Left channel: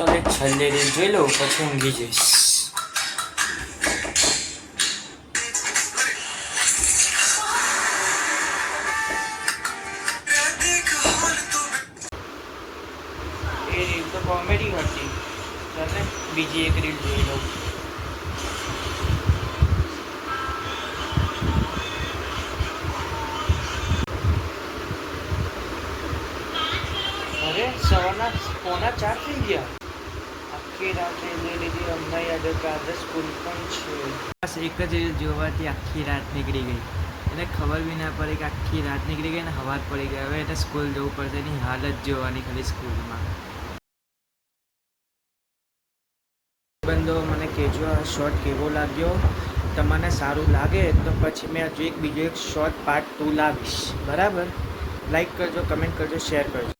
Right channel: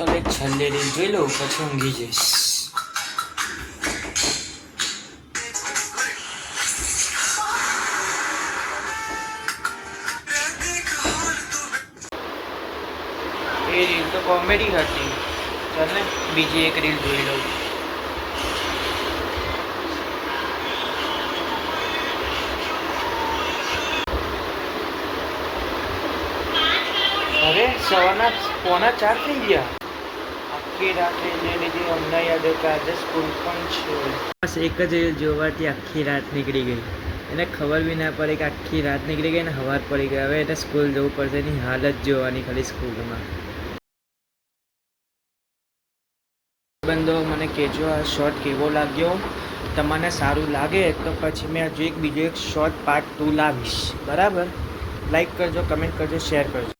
ચાલ એક છેલ્લે રીલ જોઈ લઉં પછી ઊંઘી જઈશ. એ રીલ તો કોમેડી હતી. ચાલ ને બીજી એક રીલ જોઈ લઉં. અરે સવારના 3:45 થઈ ગયા. આખી રાત લઈ લીધી. અમને યાદ કે આજે સ્કૂલ પણ છે. બસ એક જ રીલ જોવાથી આખી રાત નીકળી ગઈ. એને ખબર બી ના પડી કે આખી રાત નીકળી ગઈ ને સવાર પડી ગઈ. હવે એને સ્કૂલ જવું પડશે. એની હાલત જોવાની ખાલી સ્કૂલમાં. બંધો મને કહેજો આ શોર્ટ કેવો લાગ્યો. તમને સારું લાગે તો પછી મેં હજુ બીજો એક શોર્ટ પાર્ટ 2 લાવીશ. બરાબર? લાઈક કરજો, કમેન્ટ કરજો, શેર કરજો.